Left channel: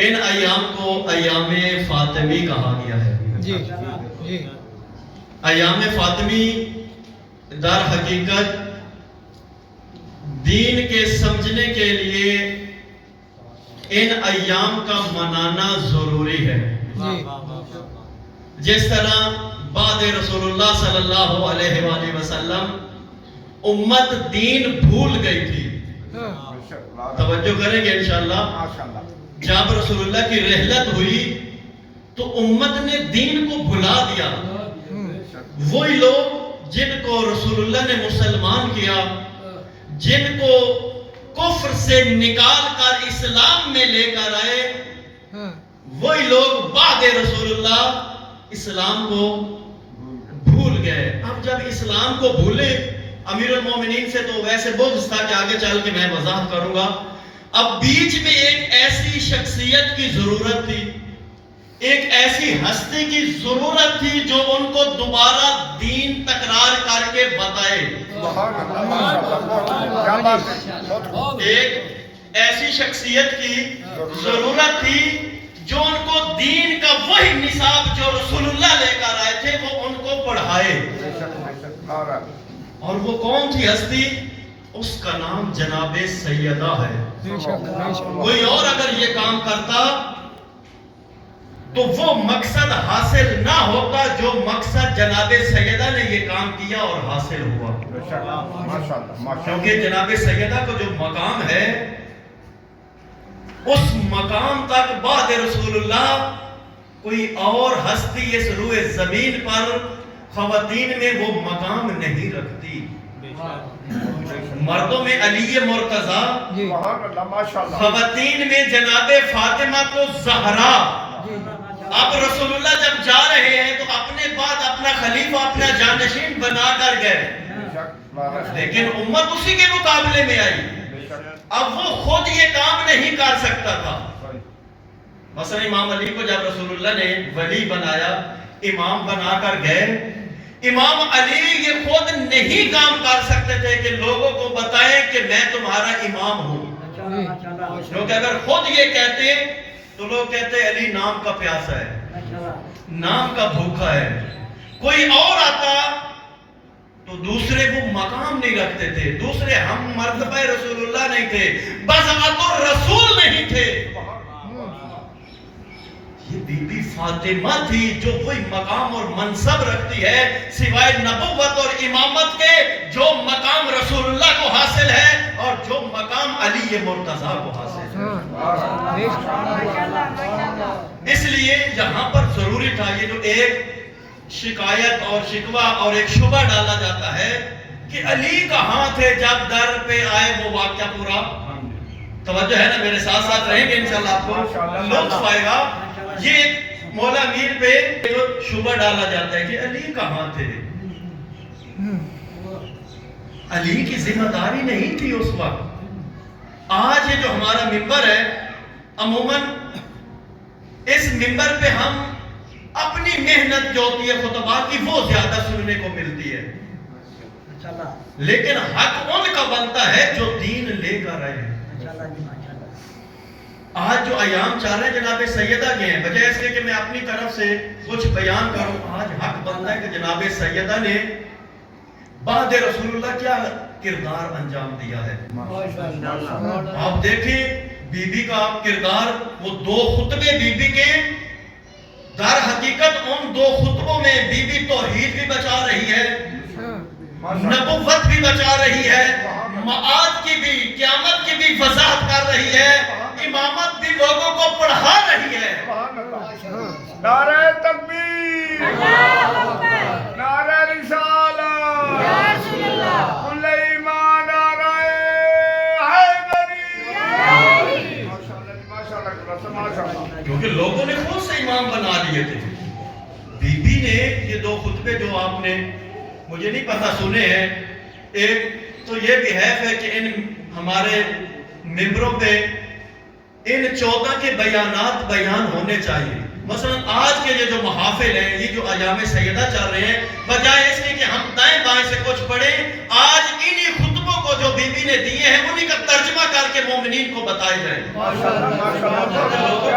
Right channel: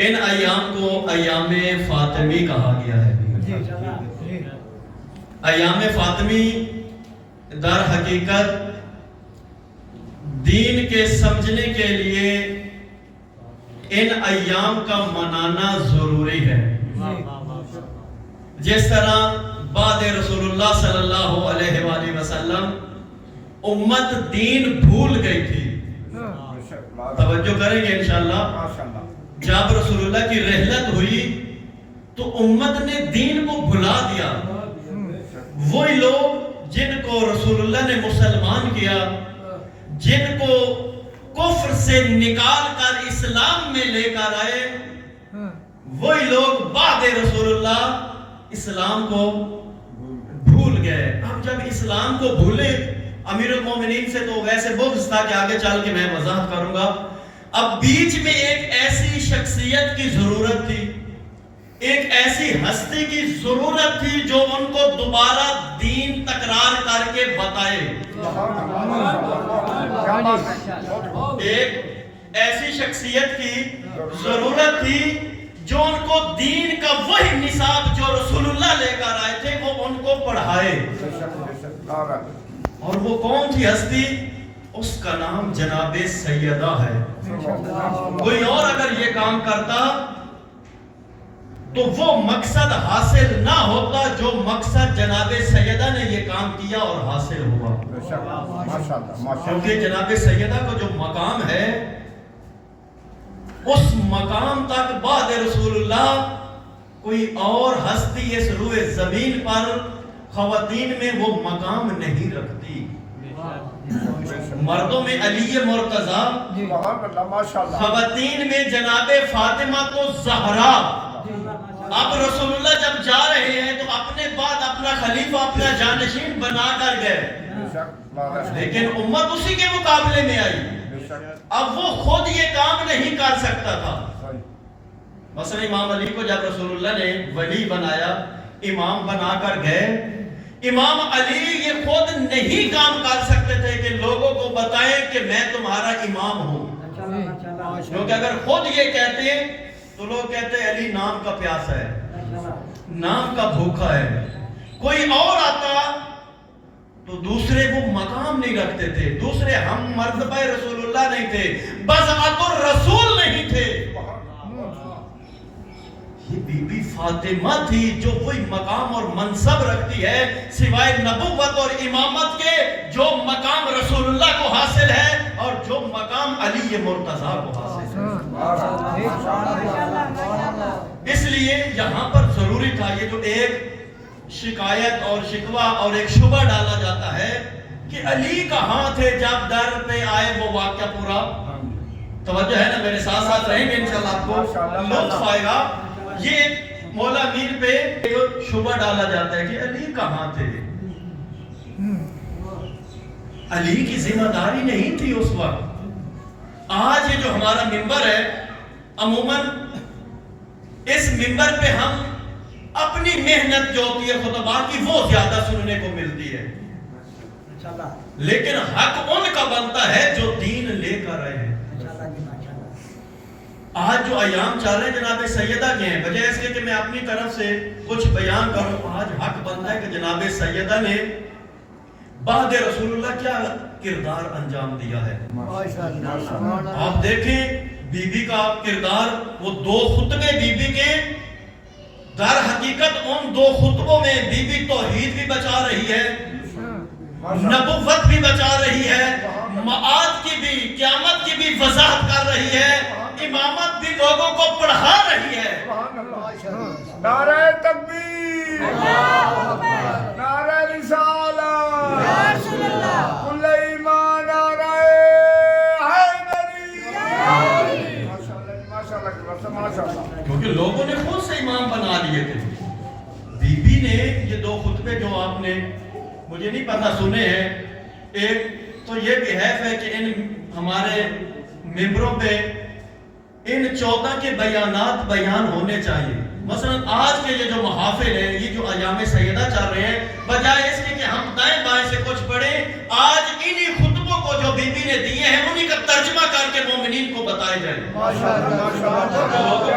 ان ایام کو ایام فاطمی کہا گیا ہے. ایام فاطمی در حقیقت دین کے سمجھنے کے لیے ان ایام کا منانا ضروری ہے. جس طرح بعد رسول اللہ صلی اللہ علیہ وآلہ وسلم امت دین بھول گئی تھی. توجہ کریں گے انشاءاللہ. جب رسول اللہ کی رحلت ہوئی تو امت نے دین کو بھلا دیا. وہی لوگ جن کو رسول اللہ نے مسلمان کیا، جن کو کفر سے نکال کر اسلام میں لے کر آئے، وہی لوگ بعد رسول اللہ اسلام کو بھول گئے. اب جب اسلام کو بھولے، امیر المومنین سے تو ویسے بغض تھا کہ آگے چل کے میں وضاحت کروں گا. اب بیچ میں ایک ایسی شخصیت کی ضرورت تھی، ایک ایسی ہستی کی ضرورت تھی جو ان کو دوبارہ دین تکرار کر کے بتائے. ایک ایسی شخصیت کی ضرورت تھی جو ان کو دین کا وہی نصاب جو رسول اللہ لے کر آئے تھے وہ ان کو پڑھائے. اور وہ کون تھی ہستی؟ اس کا نام جناب سیدہ ہے. کوئی اور اگر یہ کام کرتا تو وہ مقصد حاصل نہ ہوتا جو مقصد جناب سیدہ نے یہ کام کیا اور حاصل ہوا. کیونکہ جناب سیدہ کو جو مقام ہے اس مقام تک بعد رسول اللہ کوئی اور ہستی اس روئے زمین پر خواتین میں وہ مقام نہیں رکھتی. مردوں میں علی مرتضی، خواتین میں جناب فاطمہ تو زہرا. اب رسول اللہ جب جا رہے ہیں تو اپنے بعد اپنا خلیفہ اپنا جانشین بنا کر گئے، لیکن امت اسی کے مقابلے میں آئی. اب وہ خود یہ کام نہیں کر سکتا تھا. مثلا امام علی کو جب رسول اللہ نے ولی بنایا، امام بنا کر گئے، امام علی یہ خود نہیں کام کر سکتے تھے کہ لوگوں کو بتائیں کہ میں تمہارا امام ہوں. کیونکہ اگر خود یہ کہتے تو لوگ کہتے علی نام کا پیاسا ہے، نام کا بھوکا ہے. کوئی اور آتا تو دوسرے وہ مقام نہیں رکھتے تھے، دوسرے ہم مرتبہ رسول اللہ نہیں تھے، بذات الرسول نہیں تھے. یہ بی بی فاطمہ تھی جو کوئی مقام اور منصب رکھتی ہے سوائے نبوت اور امامت کے، جو مقام رسول اللہ کو حاصل ہے اور جو مقام علی مرتضیٰ کو حاصل ہے. اس لیے یہاں پر ضروری تھا یہ جو ایک شکایت اور شکوہ اور ایک شبہ ڈالا جاتا ہے کہ علی کہاں تھے جب در پہ آئے وہ واقعہ پورا. توجہ ہے نا، میرے ساتھ ساتھ رہیں گے انشاءاللہ آپ کو لطف آئے گا. یہ ایک مولا میر پہ شبہ ڈالا جاتا ہے کہ علی کہاں تھے. علی کی ذمہ داری نہیں تھی اس وقت. آج یہ جو ہمارا منبر ہے، عموماً اس منبر پہ ہم اپنی محنت جو ہوتی ہے خطبات کی وہ زیادہ سننے کو ملتی ہے، لیکن حق ان کا بنتا ہے جو دین لے کر آئے ہیں. آج جو ایام چل رہے ہیں جناب سیدہ کے ہیں، بجائے اس کے کہ میں اپنی طرف سے کچھ بیان کروں، آج حق بنتا ہے کہ جناب سیدہ نے بعد رسول اللہ کیا کردار انجام دیا ہے. آپ دیکھیں بی بی کا کردار، وہ 2 خطبے بی بی کے، در حقیقت ان 2 خطبوں میں بی بی توحید بھی بچا رہی ہے، نبوت بھی بچا رہی ہے، معاد کی بھی قیامت کی بھی وضاحت کر رہی ہے، امامت بھی لوگوں کو پڑھا رہی ہے. نعرہ تکبیر، نعرہ رسالت، کل ایمان، نعرہ حیدری. کیونکہ لوگوں نے خود سے امام بنا لیے تھے. بی بی نے یہ 2 خطبے جو آپ نے مجھے نہیں پتہ سنے ہیں، ایک تو یہ بھی ہے کہ ان ہمارے ممبروں پہ ان 14 کے بیانات بیان ہونے چاہیے. مثلا آج کے یہ جو محافل ہیں، یہ جو ایام سیدہ چل رہے ہیں، بجائے اس کے کہ ہم دائیں بائیں سے کچھ پڑھیں، آج انہی خطبوں کو جو بی بی نے دیے ہیں انہی کا ترجمہ کر کے مومنین کو بتائے جائیں. لوگوں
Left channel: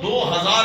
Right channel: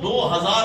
2000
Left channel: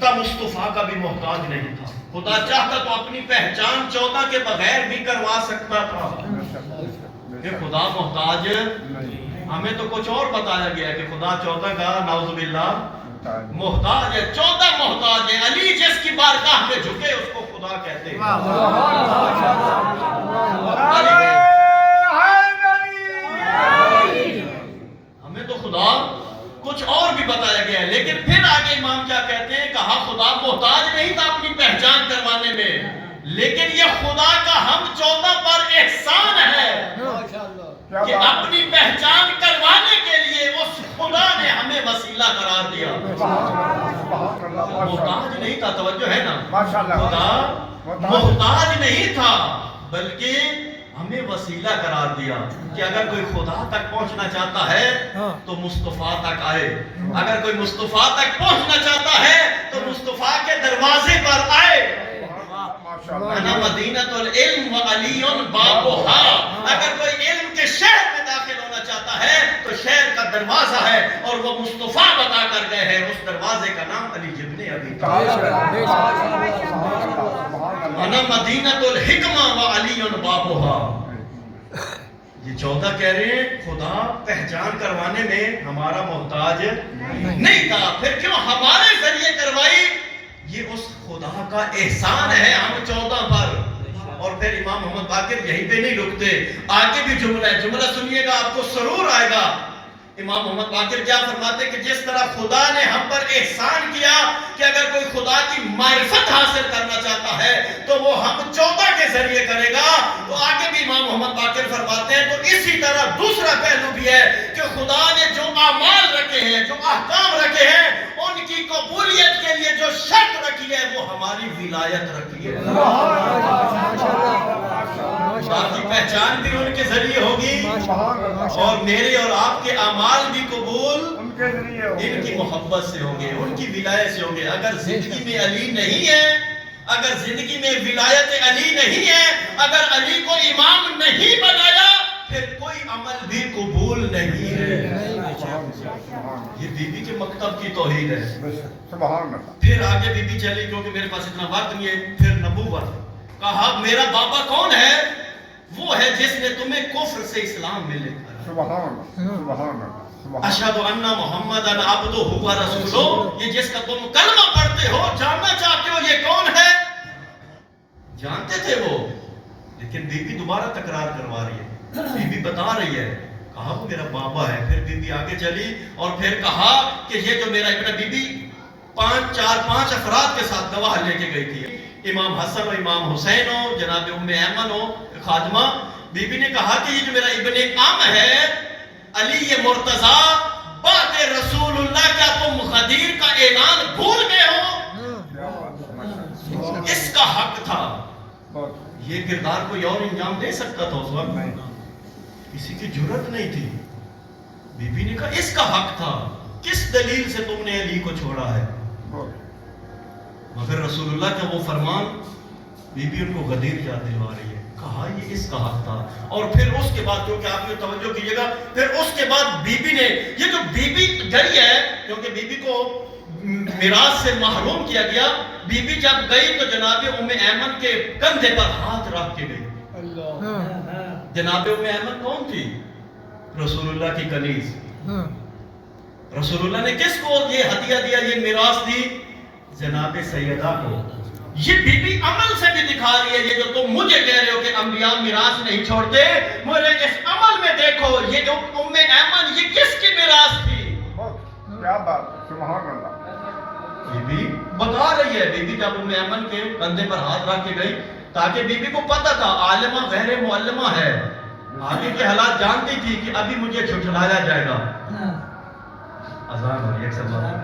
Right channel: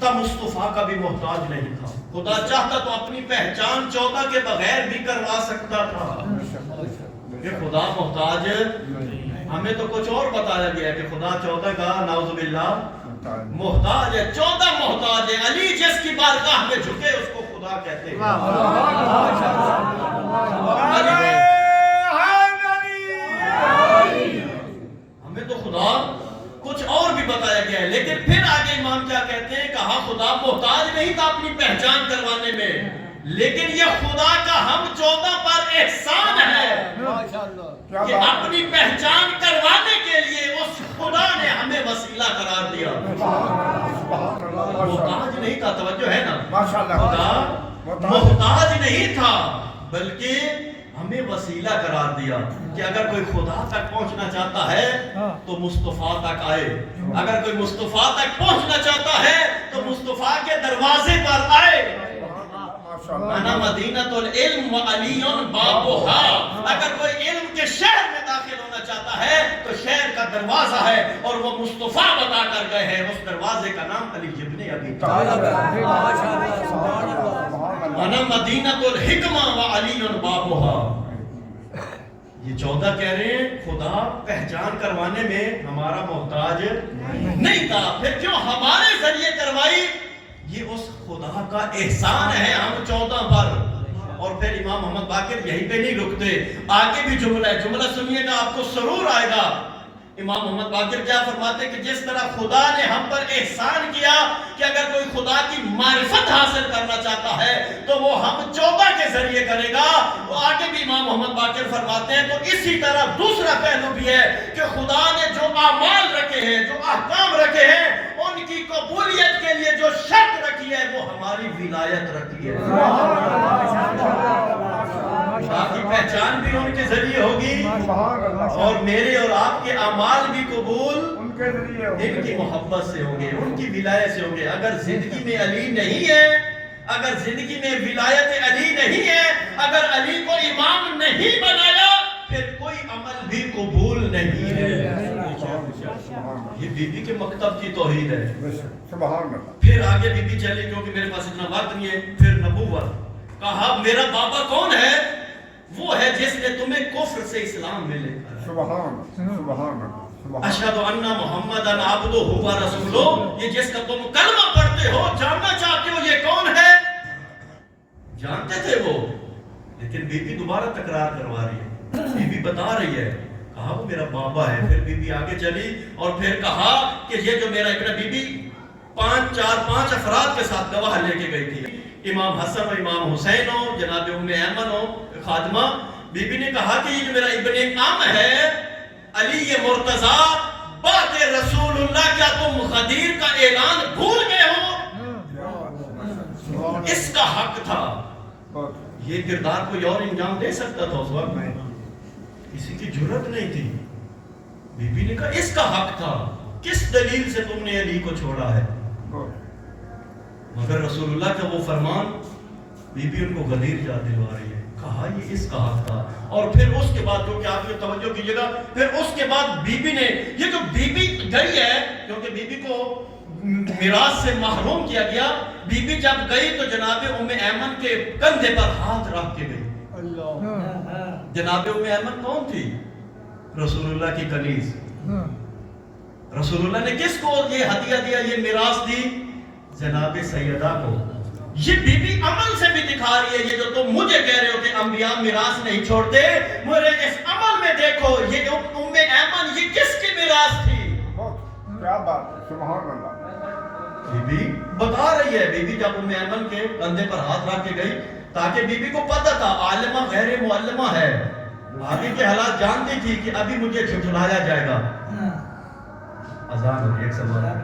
کا مصطفیٰ کا بھی محتاج نہیں تھا. خدا چاہتا تو اپنی پہچان 14 کے بغیر بھی کروا سکتا تھا کہ خدا محتاج. ہمیں تو کچھ اور بتایا گیا کہ خدا 14 کا نعوذ باللہ محتاج ہے. 14 محتاج ہے. علی جس کی بارگاہ میں جھکے اس کو خدا کہتے ہیں. ہمیں تو خدا کچھ اور بھی بتایا گیا ہے. لیکن پھر آگے امام کیا کہتے ہیں؟ کہا خدا محتاج نہیں تھا اپنی پہچان کروانے میں، لیکن یہ خدا کا ہم 14 پر احسان ہے کہ اپنی پہچان کروانے کے لیے اس خدا نے ہمیں وسیلہ قرار دیا. محتاج نہیں تھا. توجہ ہے نا؟ خدا محتاج نہیں تھا بلکہ ہمیں وسیلہ قرار دیا کہ اگر کوئی خدا تک پہنچنا چاہتا ہے تو مصطفیٰ تک آئے. اگر کوئی مصطفیٰ تک پہنچنا چاہتا ہے تو مصطفیٰ کے دروازے پر آئے. انا مدینۃ العلم وعلی بابھا. اگر کوئی علم کے شہر میں داخل ہونا چاہتا ہے تو شہر کا دروازہ ہے اور وہ مصطفیٰ بتا کر گئے ہیں. اس دروازے کا نام علی ابن ابی طالب. انا مدینۃ الحکمہ وعلی بابھا. یہ 14 کہہ رہے ہیں خدا پہچان کروانے میں ہمارا محتاج نہیں تھا. پھر کیوں ہمارے ذریعے کروائی؟ یہ اس خدا کا احسان ہے ہم 14 پر. اور پھر امام محمد باقر یہیں پہ نہیں رکتے، آگے بھی جملہ ہے. جملہ سنیے گا آپ کو سرور آئے گا. امام محمد باقر کیا فرماتے کہ جس طرح خدا نے ہم پر احسان کیا کہ اگر کوئی خدا کی معرفت حاصل کرنا چاہتا ہے تو وہ ہم 14 کے ذریعے کرے گا. تو آگے بھی امام محمد باقر فرماتے ہیں تو اسی طرح دوسرا پہلو بھی ہے کہ خدا نے جو اعمال رکھے ہیں، جو احکام رکھے ہیں، ان کی قبولیت کے لیے جو شرط رکھی ہے وہ ہماری ولایت رکھی ہے. آپ کی پہچان بھی ان کے ذریعے ہوگی اور میرے اور آپ کے اعمال بھی قبول ان کے ذریعے ہوں گے. ان کی محبت سے ہوں گے، ان کی ولایت سے ہوں گے. اگر زندگی میں علی نہیں ہے، اگر زندگی میں ولایت علی نہیں ہے، اگر علی کو امام نہیں بنایا پھر کوئی عمل بھی قبول نہیں ہے. یہ بی بی کے مکتب کی توحید ہے. پھر آگے بی بی چلی کیونکہ میرے پاس اتنا وقت نہیں ہے. پھر نبوت. کہا میرا بابا کون ہے؟ وہ ہے جس نے تمہیں کفر سے اسلام میں لے کر اشہد ان محمدً عبدہ و رسولہ. یہ جس کا تم کلمہ پڑھتے ہو، جاننا چاہتے ہو یہ کون ہے؟ جانتے تھے وہ، لیکن بی بی دوبارہ تکرار کروا رہی ہے. بی بی بتا رہی ہے. کہا وہ میرا بابا ہے. پھر بی بی آگے چلی اور پھر کہا کہ یہ جو میرا ابن. بی بی 5 افراد کے ساتھ گواہ لے کے گئی تھی. امام حسن و امام حسین ہو، جناب ام ایمن ہو خادمہ. بی بی نے کہا کہ یہ جو میرا ابن عم ہے علی مرتضیٰ بات رسول اللہ، کیا تم غدیر کا اعلان بھول گئے ہو؟ اس کا حق تھا. یہ کردار کوئی اور انجام دے سکتا تھا اس وقت میں، کسی کی جرت نہیں تھی. بی بی نے کہا اس کا حق تھا. کس دلیل سے تم نے علی کو چھوڑا ہے؟ مگر رسول اللہ کا وہ فرمان. بی بی ان کو غدیر یاد دلوا رہی ہے. کہا یہ اس کا حق تھا. اور پھر اس کے بعد جو کہ آپ نے توجہ کیجئے گا، پھر اس کے بعد بی بی نے یہ جو بی بی گئی ہے، کیونکہ بی بی کو میراث سے محروم کیا گیا. بی بی جب گئی تو جناب ام ایمن کے کندھے پر ہاتھ رکھ کے گئی. جناب ام ایمن کون تھی؟ رسول اللہ کی کنیز. رسول اللہ نے کس کو یہ ہدیہ دیا، یہ میراث دی؟ جناب سیدہ کو. یہ بی بی عمل سے بھی دکھا رہی ہے. یہ جو تم مجھے کہہ رہے ہو کہ انبیاء میراث نہیں چھوڑتے، مجھے اس عمل میں دیکھو. یہ جو ام ایمن یہ کس کی میراث تھی؟ کیا بات، سبحان اللہ. بی بی بتا رہی ہے. بی بی جب ام ایمن کے کندھے پر ہاتھ رکھ کے گئی تاکہ بی بی کو پتہ تھا عالمہ غیر معلمہ ہے، آگے کے حالات جانتی تھی کہ ابھی مجھے جھٹلایا جائے گا. اذان ہو رہی ہے. ایک سلام